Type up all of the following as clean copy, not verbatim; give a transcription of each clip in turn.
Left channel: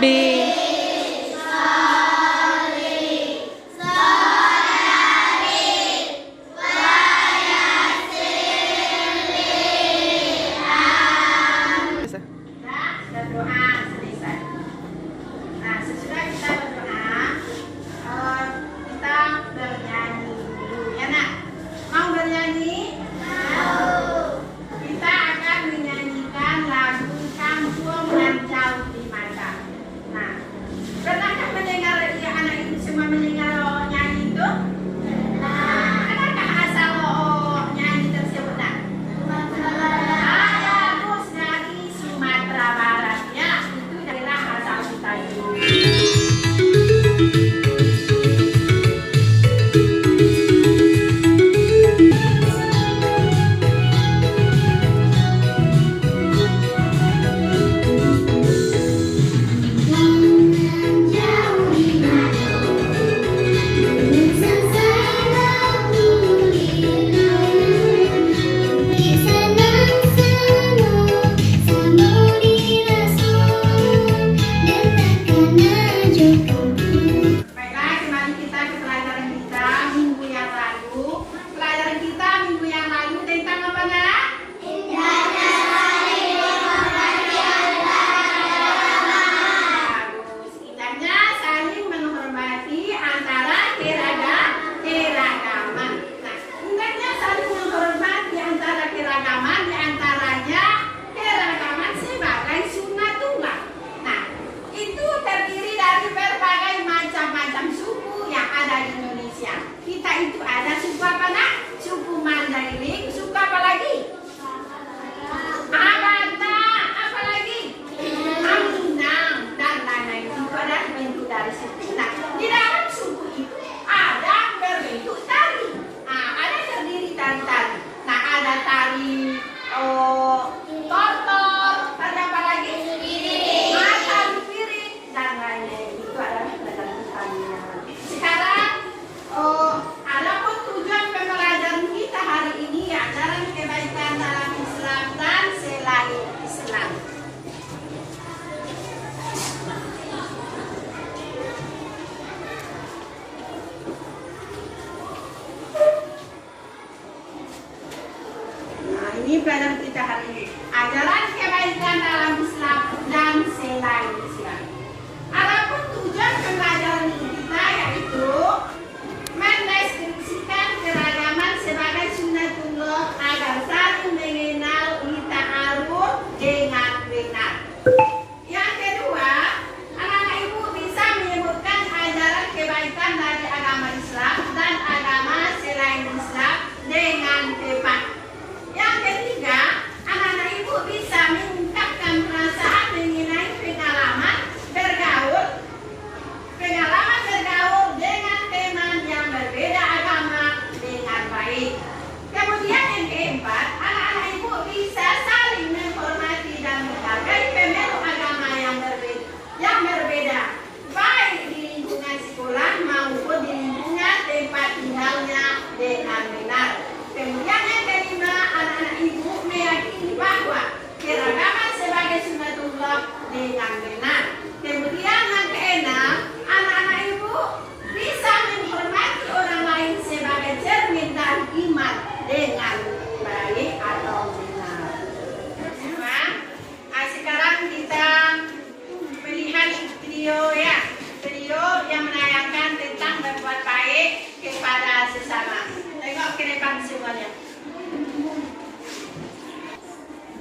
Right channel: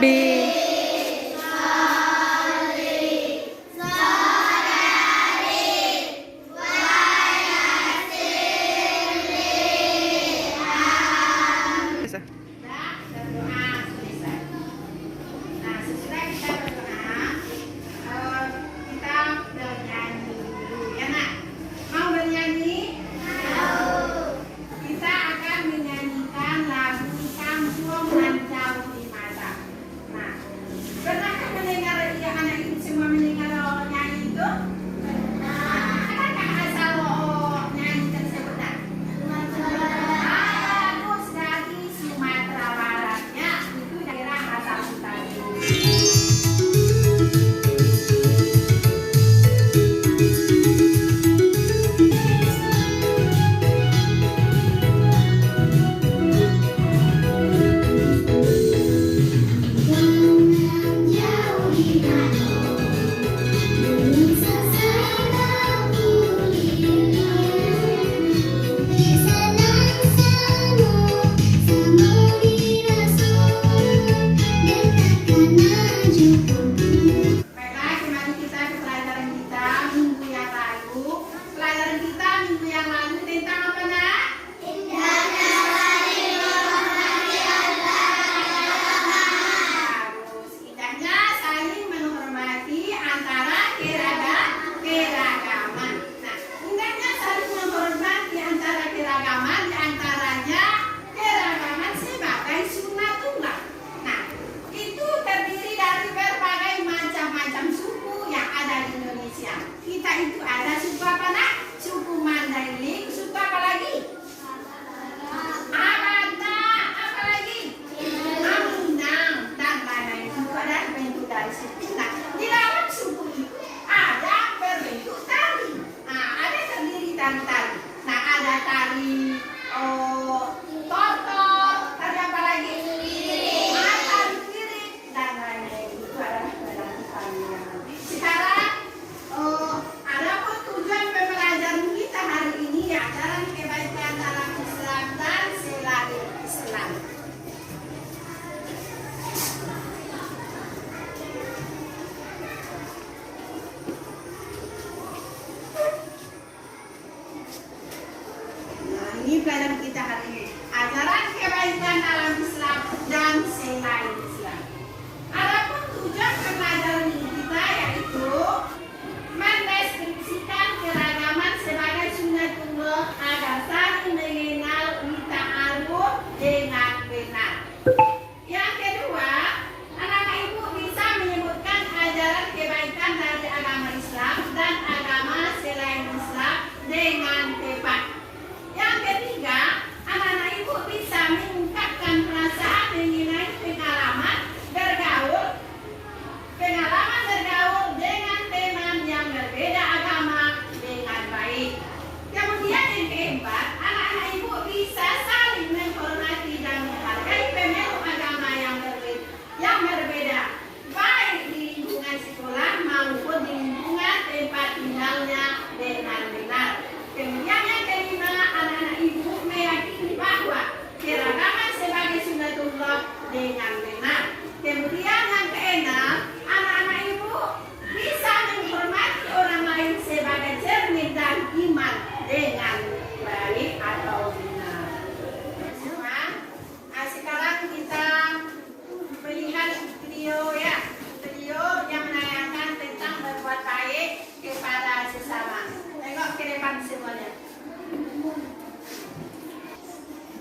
B. Bisa. Dan doa selesai. Nah, sesudah kita berdoa, kita bernyanyi dulu ya nak. Mau bernyanyi? Mau. Kita akan menyanyikan lagu Kampung Lancau di Mata. Nah, pernahkah mendengar ya anak ibu semua mendengar nyanyi itu? Adakah asal nyanyi tersebut nak? Bagus dari Sumatera Barat ya, itu daerah asal kita itu. Baiklah, kembali kita ke pelajaran kita minggu yang lalu. Pelajaran kita minggu yang lalu tentang apa nak? Bagus. Indahnya saling menghormati antara keragaman. Nah, indahnya saling menghormati antara keragaman, diantaranya keragaman sebagai sunnatullah. Nah, itu terdiri dari berbagai macam-macam suku yang ada di Indonesia. Kita itu ada suku apa nak? Suku Mandailing, suku apa lagi? Abata, apa lagi? Minang dan lain-lain. Itu ada bentuk dari suku. Nah, di dalam suku itu ada berbentuk tari. Nah, ada terdiri tari-tari. Nah, ada tari tortor, tari apa lagi? Tari piring dan lain-lain. Itu adalah berbentuk tarian. Sekarang, adapun tujuan pembelajaran kita hari ini ya ajaran kebaikan dalam Islam dan selain Islam. Nah, ini pelajaran kita hari ini. Ajaran kebaikan dalam Islam dan selain Islam. Adapun tujuan pembelajaran kita yaitu mendeskripsikan keragaman sebagai sunnatullah agar saling mengenal ta'aruf dengan benar. Yang kedua, anak-anak ibu bisa menyebutkan ajaran kebaikan dari agama Islam dan agama selain Islam dengan tepat. Yang ketiga, anak-anak ibu bisa mengungkapkan perasaan mengenai pengalaman bergaul dengan teman yang berbeda agama dengan baik. Kemudian yang keempat, anak-anak ibu bisa saling menghormati dan menghargai pemeluk agama yang berbeda, baik di lingkungan sekolah maupun di lingkungan tempat tinggalnya dengan benar. Kemudian yang kelima, anak-anak ibu meyakini bahwa keragaman sebagai sunnatullah dengan benar. Kemudian yang keenam, anak-anak ibu bisa menghormati orang lain sebagai cermin dari iman dengan baik atau benar. Nah, sekarang kita melihat video ya, video yang menayangkan tentang berbuat baik kepada sesama. Tengok ke depan semuanya.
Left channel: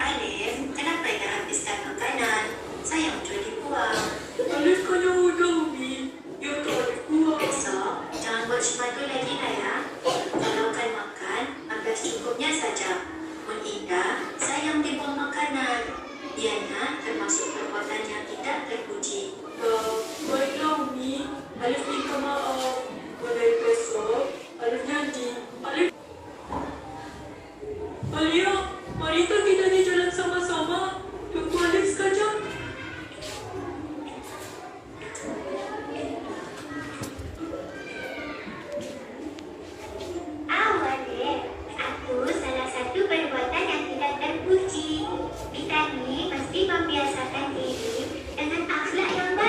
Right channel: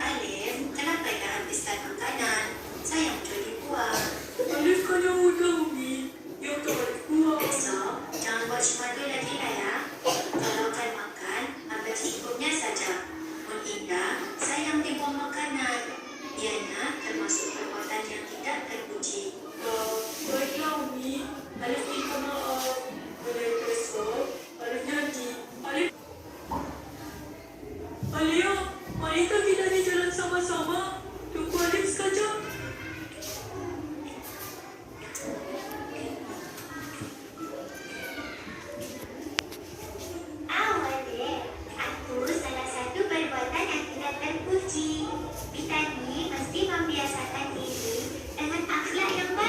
Alif, kenapa tak habiskan makanan? Saya untuk dibuang. Alif kena udah, Umi. Ya tak Alif buang. Besok, jangan buat semadu lagi lah ya. Kalau akan makan, ambil secukupnya saja. Mengindah, sayang dibuang makanan. Ianya termasuk perbuatan yang tidak terpuji. Baiklah, Umi. Alif minta maaf. Mulai besok, Alif janji. Alif, Alia, mari kita ni jalan sama-sama. Tunggu Alif sekejap. Kita ni mesti membiasakan diri dengan akhlak yang baik.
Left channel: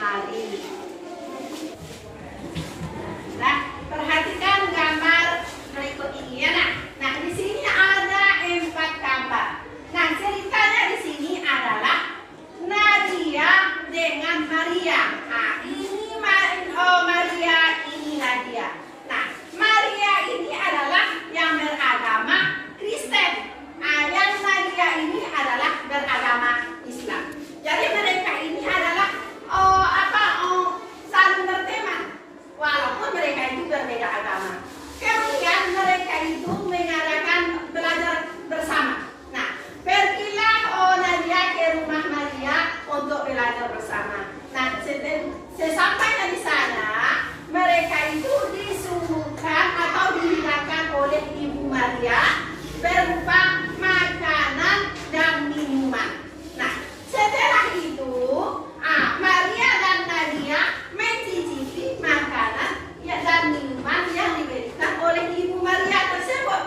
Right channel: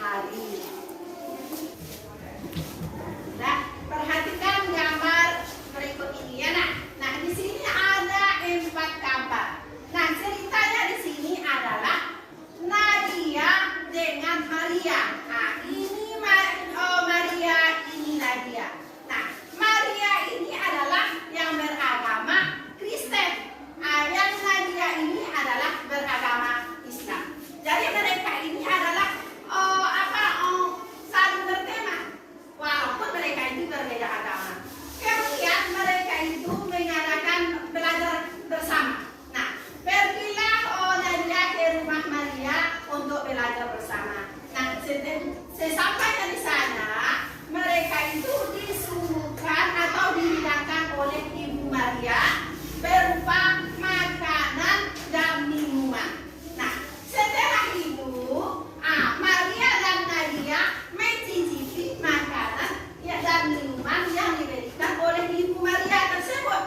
hari. Nah, perhatikan gambar berikut ini ya nak. Nah, di sini ada 4 gambar. Nah, ceritanya di sini adalah Nadia dengan Maria. Nah, ini Maria, ini Nadia. Nah, Maria ini adalah yang beragama Kristen. Yang Nadia ini adalah beragama Islam. Jadi mereka ini adalah saling berteman, walaupun mereka itu berbeda agama. Kemudian mereka itu mengadakan belajar bersama. Nah, pergilah Nadia ke rumah Maria untuk belajar bersama. Nah, sesampainya di sana, mereka itu disuguhkan atau dihidangkan oleh Ibu Maria berupa makanan dan minuman. Nah, setelah itu, Maria dan Nadia mencicipi makanan dan minuman yang diberikan oleh Ibu Maria tersebut.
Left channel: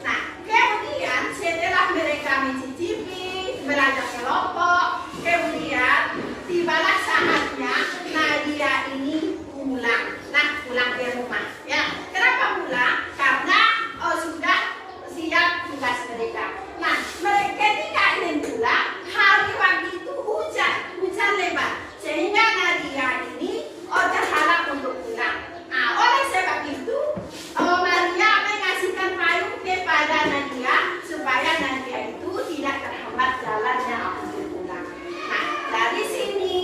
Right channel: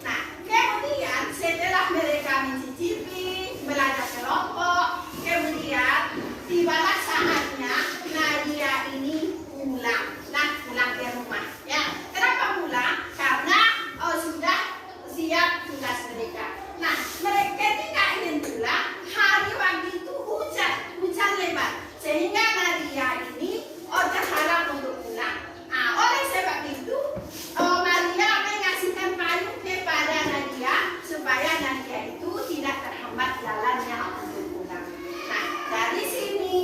Nah, kemudian setelah mereka mencicipi, belajar kelompok, kemudian tibalah saatnya Nadia ini pulang ke rumah. Ya, kenapa pulang? Karena sudah siap tugas mereka. Nah, mereka ketika ingin pulang, hari waktu itu hujan lebat, sehingga Nadia ini terhalang untuk pulang. Oleh sebab itu, Maria mengasihkan payung kepada Nadia supaya Nadia itu tidak terhambat jalannya untuk pulang. Nah, dari sini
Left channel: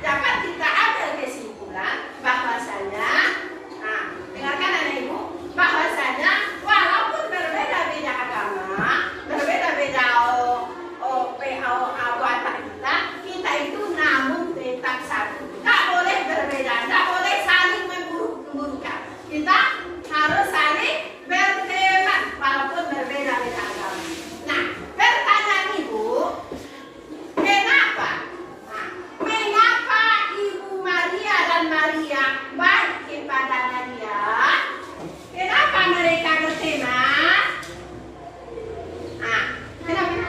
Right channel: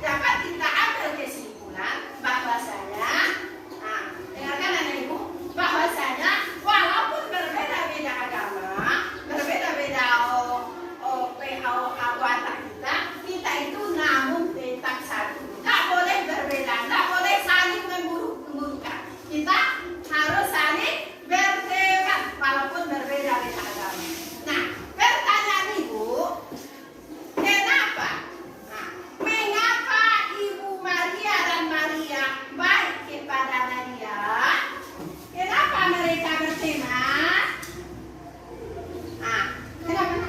dapat kita ambil kesimpulan bahwasanya, dengarkan anak ibu, bahwasanya walaupun berbeda-beda agama, berbeda-beda watak kita itu namun tetap satu. Tak boleh berbeda, tak boleh saling memburuk-burukkan. Kita harus saling berteman walaupun berbeda-beda agama. Nah, pertanyaan ibu, kenapa Ibu Maria dan Maria baik kepada Nadia? Kenapa mereka berteman? Kenapa?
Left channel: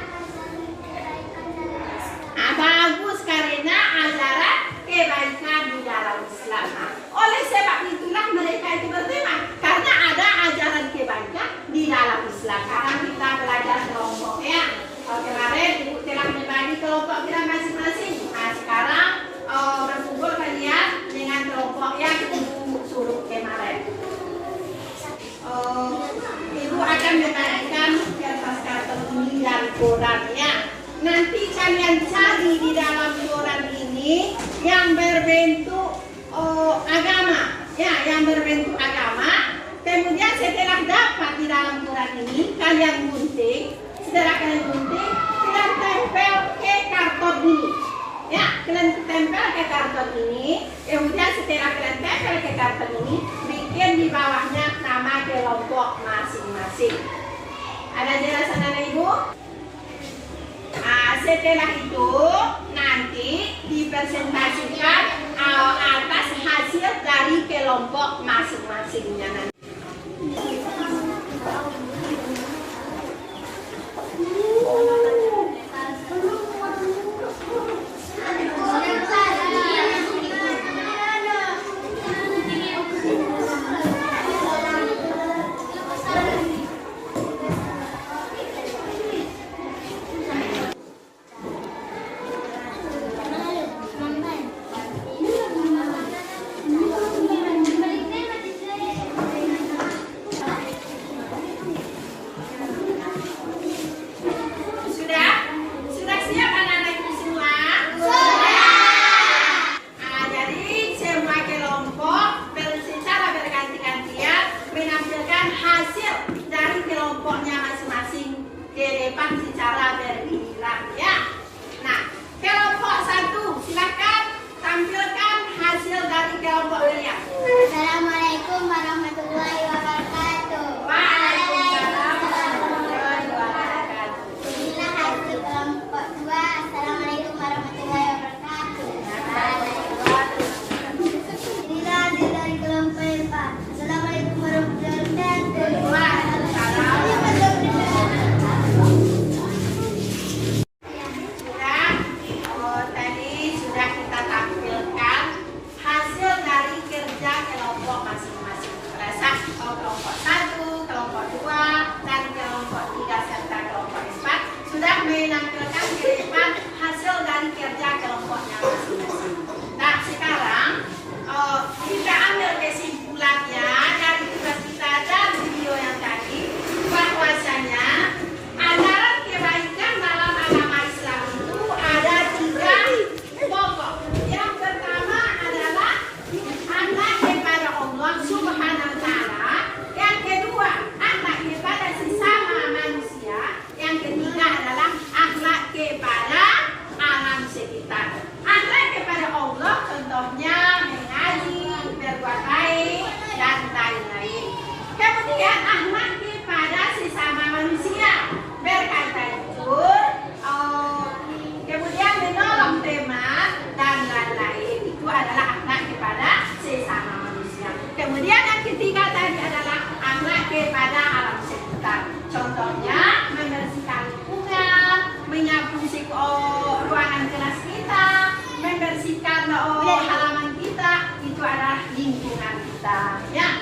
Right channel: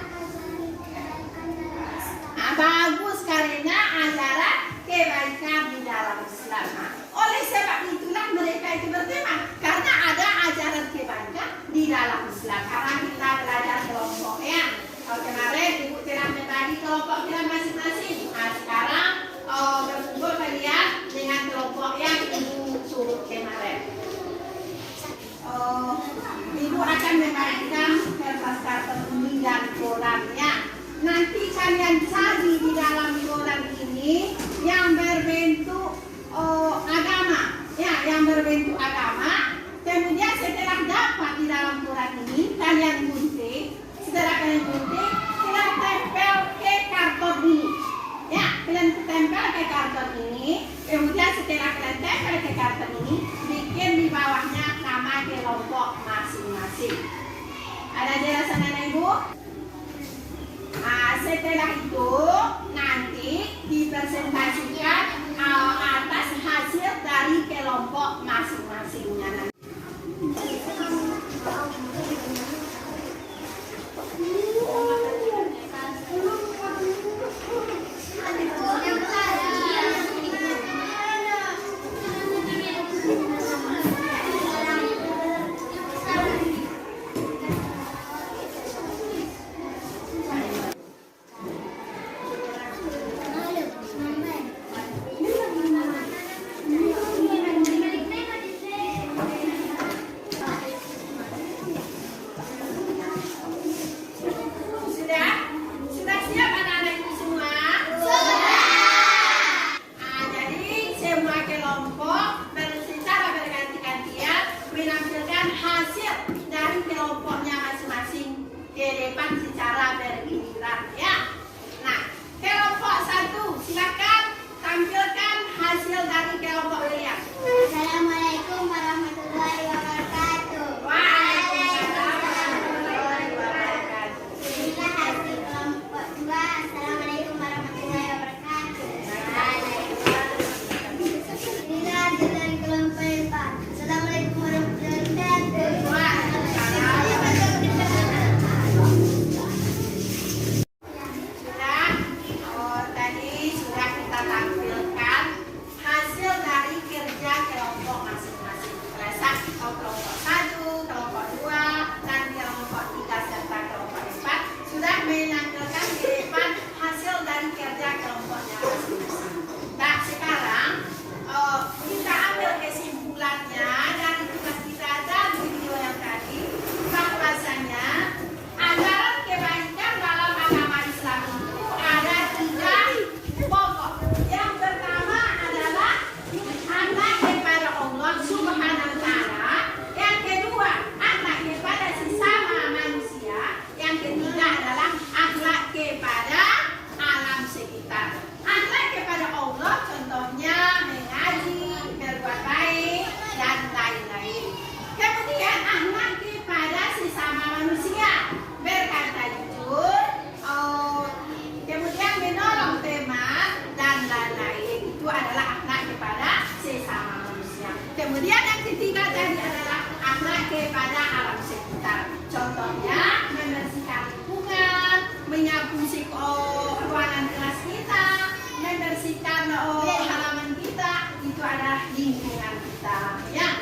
Bagus, karena ajaran kebaikan di dalam Islam. Oleh sebab itulah mereka itu berteman, karena ada ajaran kebaikan di dalam Islam. Karena kita belajar kelompok ya. Kemarin ibu telah membagi kelompok kita masing-masing. Nah, sekarang berkumpul kalian dengan kelompok yang ibu suruh kemarin. Ibu akan membagikan kertas karton ini dan korannya. Nanti kalian cari di dalam koran ini yang berbentuk agama, ya, yang berbentuk agama. Kemudian setelah dapat di dalam koran ini, kalian gunting. Setelah kalian gunting, kalian tempel ke karton ini, ya, kalian tempel ke karton ini. Kemudian setelah kalian tempel ke karton ini, bikin di bawahnya nama kelompok masing-masing. Ada jelasan anak ibu? Setelah itu nanti dipresentasikan atas hasil dari kelompok masing-masingnya nanti. Assalamualaikum warahmatullahi wabarakatuh. Waalaikumsalam warahmatullahi wabarakatuh. Inilah hasil kelompok 2. Assalamualaikum warahmatullahi wabarakatuh. Inilah hasil dari kelompok 4. Assalamualaikum warahmatullahi wabarakatuh. Tadi sudah halaman kita itu adalah lingkungan kita. Ya.